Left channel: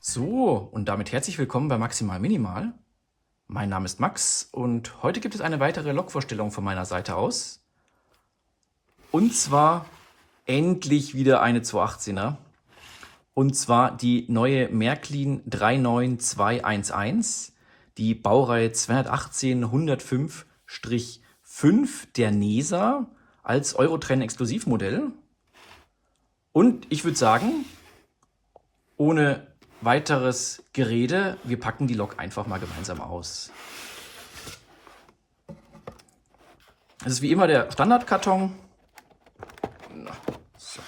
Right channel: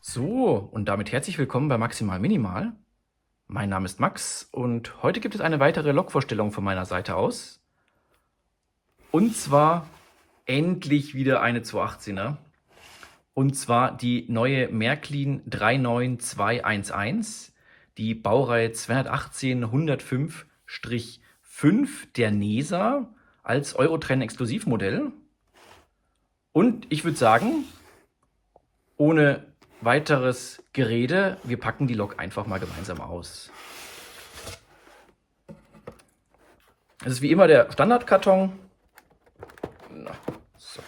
So, und damit herzlich willkommen bei Maximal Minimal. Mein Name ist Max und heute gibt es eine weitere Lokvorstellung von meiner Seite aus. Und zwar endlich wieder eine 218er. Und zwar die neue Märklin 39211, die Baureihe 218-105-5 der NESA als Eurotrain Exklusivmodell. Und ich würde sagen, ohne weiteres Gerede, wir packen die Lok einfach mal gemeinsam aus. Es ist wie immer der Standardkarton so.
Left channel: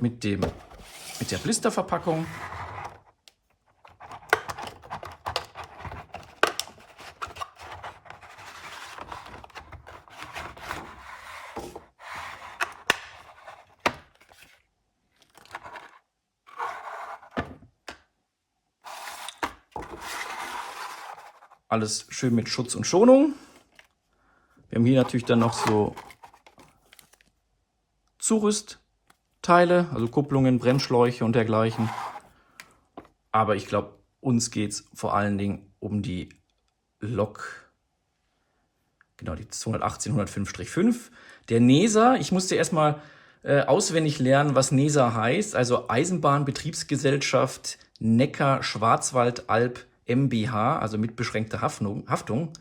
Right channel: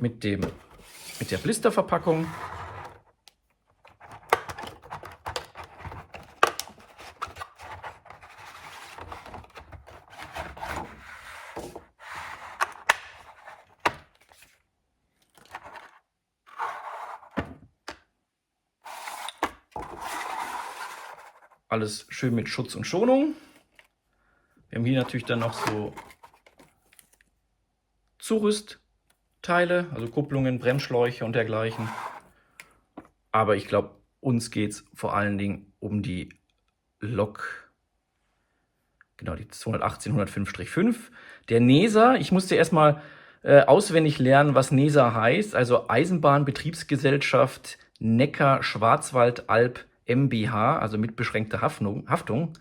mit der Blisterverpackung. Alles schön mit Schutz und Schonung. Wir haben hier natürlich dann noch so Zurüstteile, also Kupplungen, Bremsschläuche und dergleichen. Aber ich glaube, uns geht es vor allen Dingen um die Lok, genau die 218-105-5 der NESA. Ich musste erstmal auswendig lernen, was NESA heißt, also Eisenbahnbetriebsgesellschaft Neckar-Schwarzwald-Alb MBH, also mit beschränkter Haftung.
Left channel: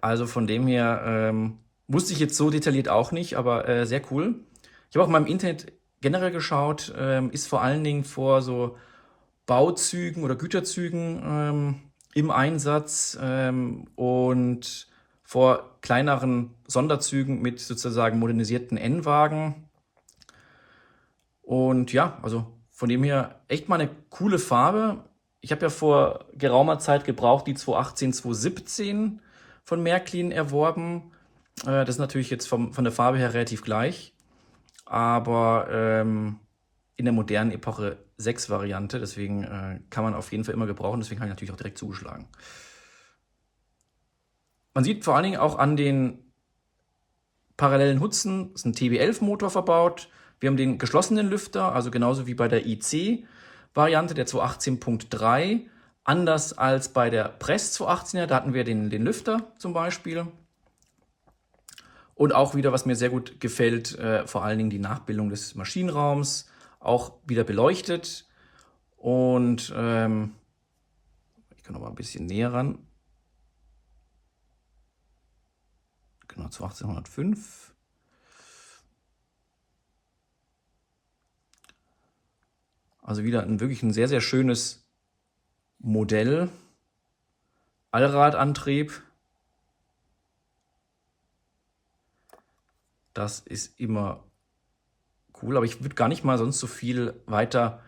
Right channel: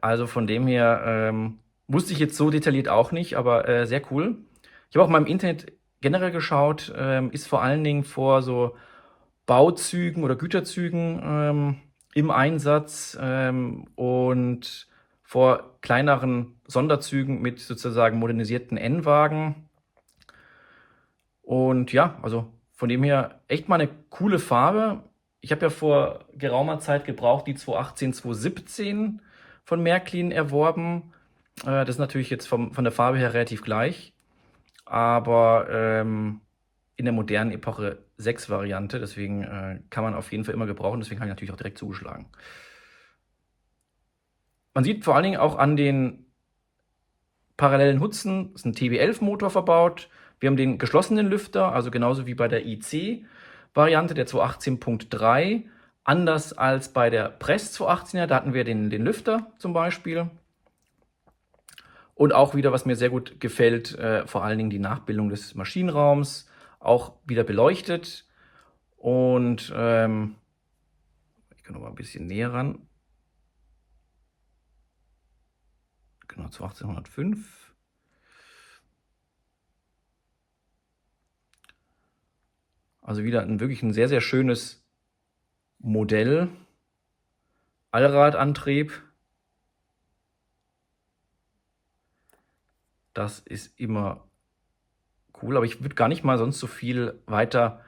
Also von dem her wusste ich jetzt so detailliert auch nicht, aber sehr cool. Ich habe auch mal im Internet generell geschaut, ist vor allen Dingen vor so Bauzügen oder Güterzügen im Einsatz und vor kleineren Sonderzügen mit sozusagen modernisierten N-Wagen. Und ja, also von dem her echt mal eine coole Farbe. Ich habe ja vor geraumer Zeit gebraucht die 218, 217 von Märklin erworben. Das ist natürlich jetzt von der Farbe her relativ gleich, aber in der modernen Epoche 6 Variante, deswegen kann man auf jeden Fall immer gebrauchen, deswegen habe ich natürlich auch direkt zugeschlagen. Man sieht vor allen Dingen auch an den parallelen Hutzen, ist ein TB11-Motor verbaut. Wir haben den geschlossenen Lüfter, also genauso wie bei der IC-Variante der 218.3. Anders als bei der Press 218er, da hatten wir den Lüfter zum Beispiel. Und auch wieder, was mir sehr gut gefällt, vor allen Dingen die Nachbildung des Maschinenraums, auch wieder beleuchtet. Und ich kann noch mal ein bisschen näher ran. Genau, 21805. Also wieder wirklich ein sehr, sehr schönes Modell. Allradantrieb. Das ist immer cool, aber ich würde gar nicht mal sonst so viel weiter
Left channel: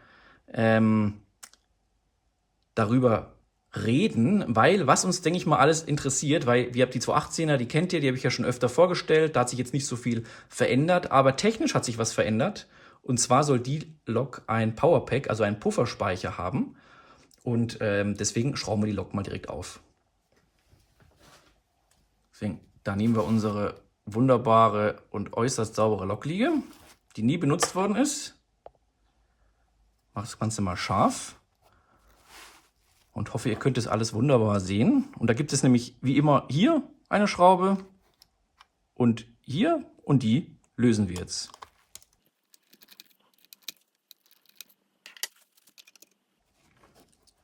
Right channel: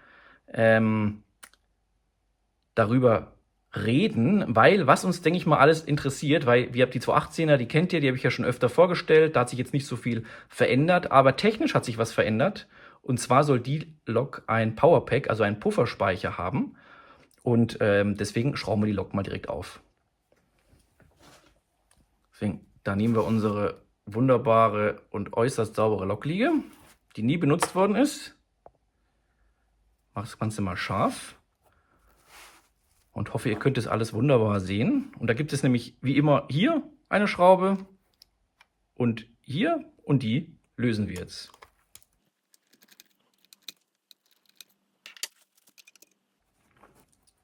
darüber reden, weil was uns, denke ich mal, alles interessiert, weil wir haben die 218er, die kennt ihr, die habe ich ja schon öfter vorgestellt, da hat sich jetzt nicht so viel verändert, aber technisch hat sich was verändert. Und zwar soll die Lok ein Powerpack, also einen Pufferspeicher haben. Und deswegen schrauben wir die Lok mal direkt auf. Deswegen, da nehmen wir unsere wunderbare und äußerst saubere Lokliege, die nie benutzt worden ist. Mach das Ganze mal scharf. Und hoffe, ihr könnt das alles wunderbar sehen. Und da gibt es nämlich wie immer hier eine Schraube und hier, und die lösen wir jetzt.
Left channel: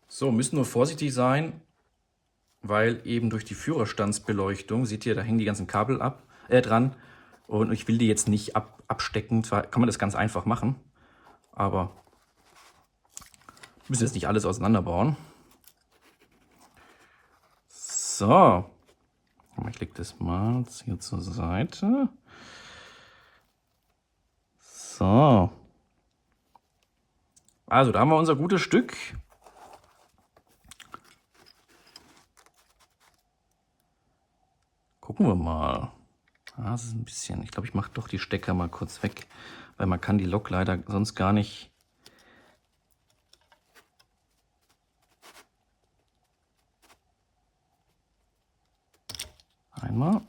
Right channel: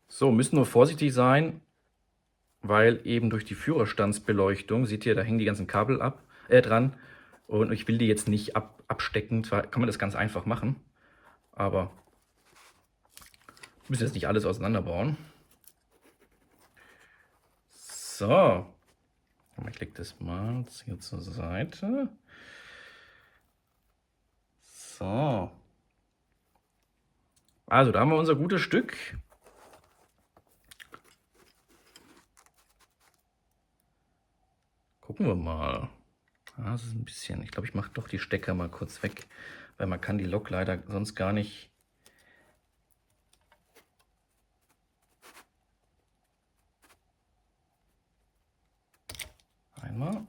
So, müssen nur vorsichtig sein, weil eben durch die Führerstandsbeleuchtung, seht ihr, da hängen die ganzen Kabel dran. Und ich will die jetzt nicht abstecken. Zwar kann man das ganz einfach machen, aber wir müssen jetzt nicht alles auseinanderbauen. So, ich lege das mal hier zur Seite. So, also da haben wir unser gutes Stück. Gucken wir mal. Das ist ein bisschen, ich glaube, ich mache doch die Stecker mal kurz weg, weil man kann die Lok leider sonst gar nicht. Einmal.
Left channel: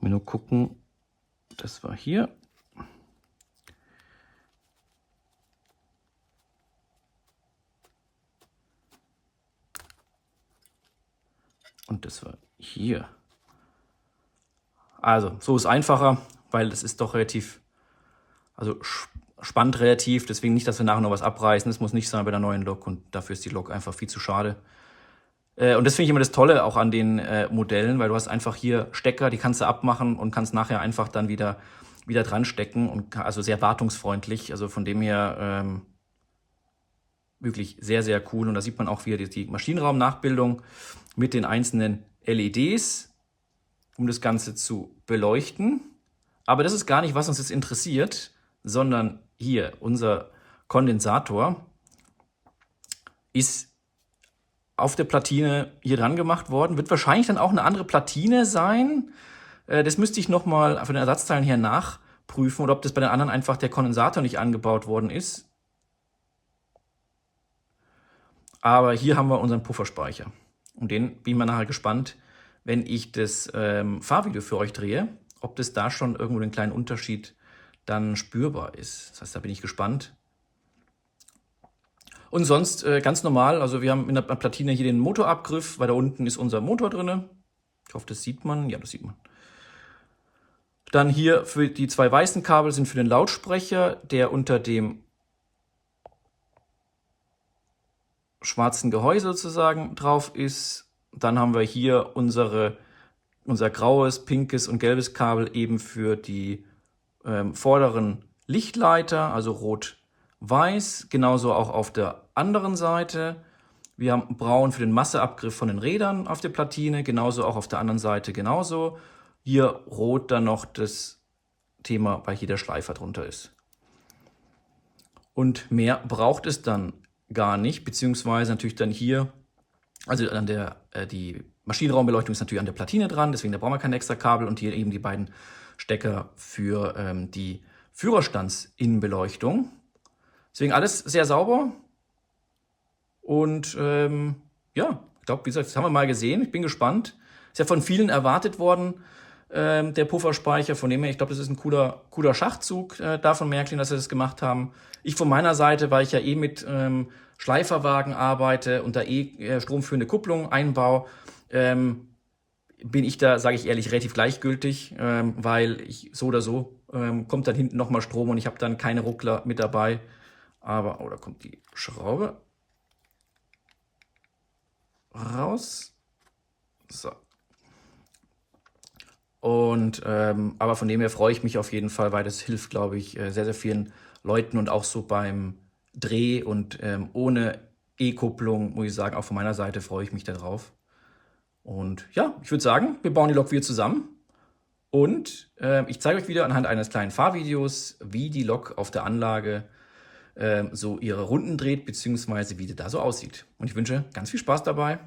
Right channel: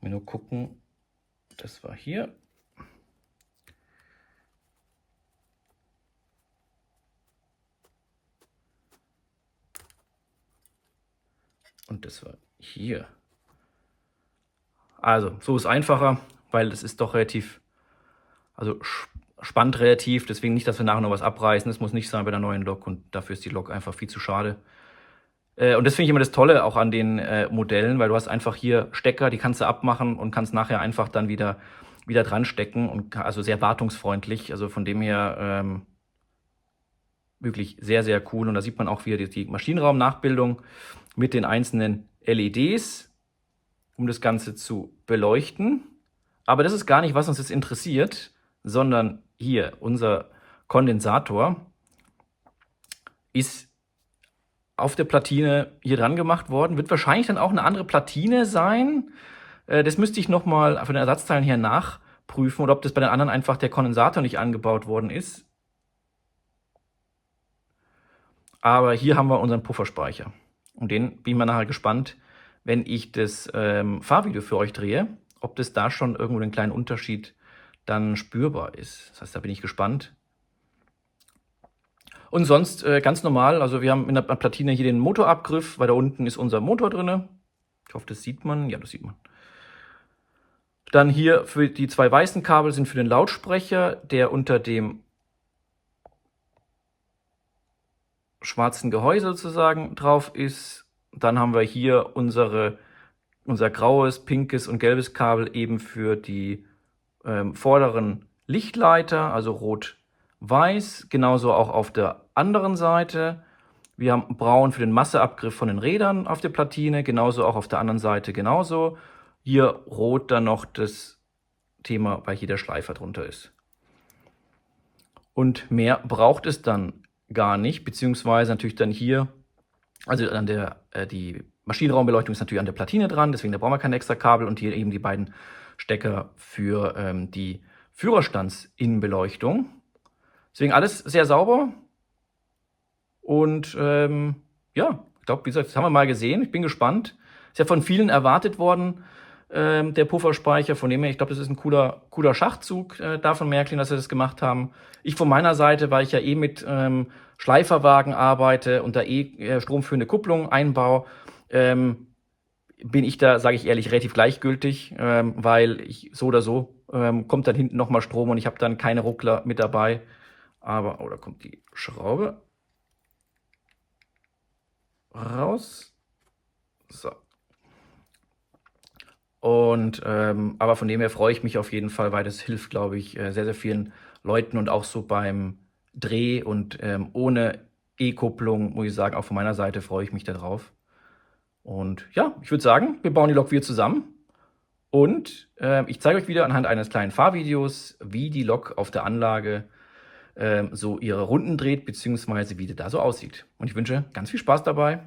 Mir nur gucken, das war hier. Und das war hier. Also, so ist einfacher, weil es ist doch relativ, also spannt relativ. Deswegen nicht, dass wir nachher noch was abreißen. Das muss nicht sein bei der neuen Lok. Und dafür ist die Lok einfach viel zu schade. Und das finde ich immer das Tolle auch an den Modellen, weil du hast einfach hier Stecker, die kannst du abmachen und kannst nachher einfach dann wieder dran stecken. Und also sehr wartungsfreundlich. Also von dem her wirklich sehr, sehr cool. Und da sieht man auch wieder die Maschinenraumnachbildung mit den einzelnen LEDs, um das Ganze zu beleuchten. Aber das ist gar nicht, was uns jetzt interessiert, sondern hier unser Kondensator ist auf der Platine hier dran gemacht worden. Wird wahrscheinlich dann auch eine andere Platine sein. Das müsste ich nochmal von den Ersatzteilen her nachprüfen oder ob das bei den anderen einfach der Kondensator nicht angebaut worden ist. Aber hier haben wir unseren Pufferspeicher. Und den bin ich mal nachher gespannt, wenn ich das Fahrvideo für euch drehe, ob das da schon irgendwo einen kleinen Unterschied dann spürbar ist. Das heißt, da bin ich gespannt. Und sonst ganz normal, also wir haben in der Platine hier den Motorabgriff, weil da unten ist unser Motor drin. Ich hoffe, das sieht man. Ja, das sieht man. Dann hier für die zwei weißen Kabel sind für den Lautsprecher, der unter dem schwarzen Gehäuse sozusagen drauf ist. Dann haben wir hier unser graues, pinkes und gelbes Kabel eben für die vorderen Lichtleiter, also rot-weiß. Genauso auch auf der anderen Seite. Wir haben braun für den Masseabgriff von den Rädern auf der Platine, genauso auch auf der anderen Seite genauso. Hier rot dann noch das Thema, weil hier der Schleifer drunter ist. Und mehr braucht es dann gar nicht, beziehungsweise natürlich dann hier, also an die Maschinenraumbeleuchtung ist natürlich an der Platine dran, deswegen da brauchen wir kein extra Kabel und hier eben die beiden Stecker für die Führerstandsinnenbeleuchtung. Deswegen alles sehr sauber und ja, ich glaube, wie gesagt, das haben wir mal gesehen. Ich bin gespannt. Ist ja von vielen erwartet worden, der Pufferspeicher. Von dem her, ich glaube, das ist ein cooler Schachzug da von Märklin, dass sie das gemacht haben. Ich von meiner Seite, weil ich ja mit Schleiferwagen arbeite und da stromführende Kupplung einbaue, bin ich da, sage ich ehrlich, relativ gleichgültig, weil ich so oder so kommt dann hinten nochmal Strom und ich habe dann keine Ruckler mit dabei. Aber, oh, da kommt die Schraube raus. So. Und aber von dem her freue ich mich auf jeden Fall, weil das hilft, glaube ich, sehr, sehr vielen Leuten und auch so beim Dreh und ohne E-Kupplung, muss ich sagen, auch von meiner Seite freue ich mich darauf. Und ja, ich würde sagen, wir bauen die Lok wieder zusammen. Und ich zeige euch wieder anhand eines kleinen Fahrvideos, wie die Lok auf der Anlage so ihre Runden dreht, beziehungsweise wie die da so aussieht. Und ich wünsche ganz viel Spaß dabei.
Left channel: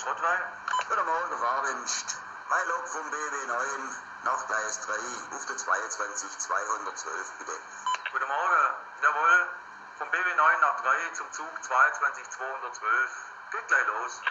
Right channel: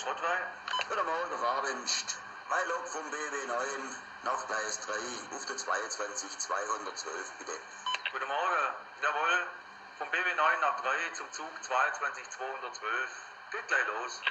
Schrottwein? Guten Morgen, Fahrdienst. Mein Lok vom BW9 nach Gleis 3 auf der 22 212, bitte. Guten Morgen. Jawohl. Vom BW9 nach 3 zum Zug 22 212. Geht gleich los.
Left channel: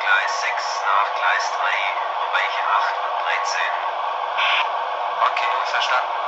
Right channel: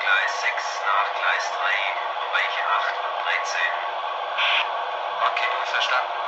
Gleis 6 nach Gleis 3, Bereiche 8 und 13. Okay, verstanden.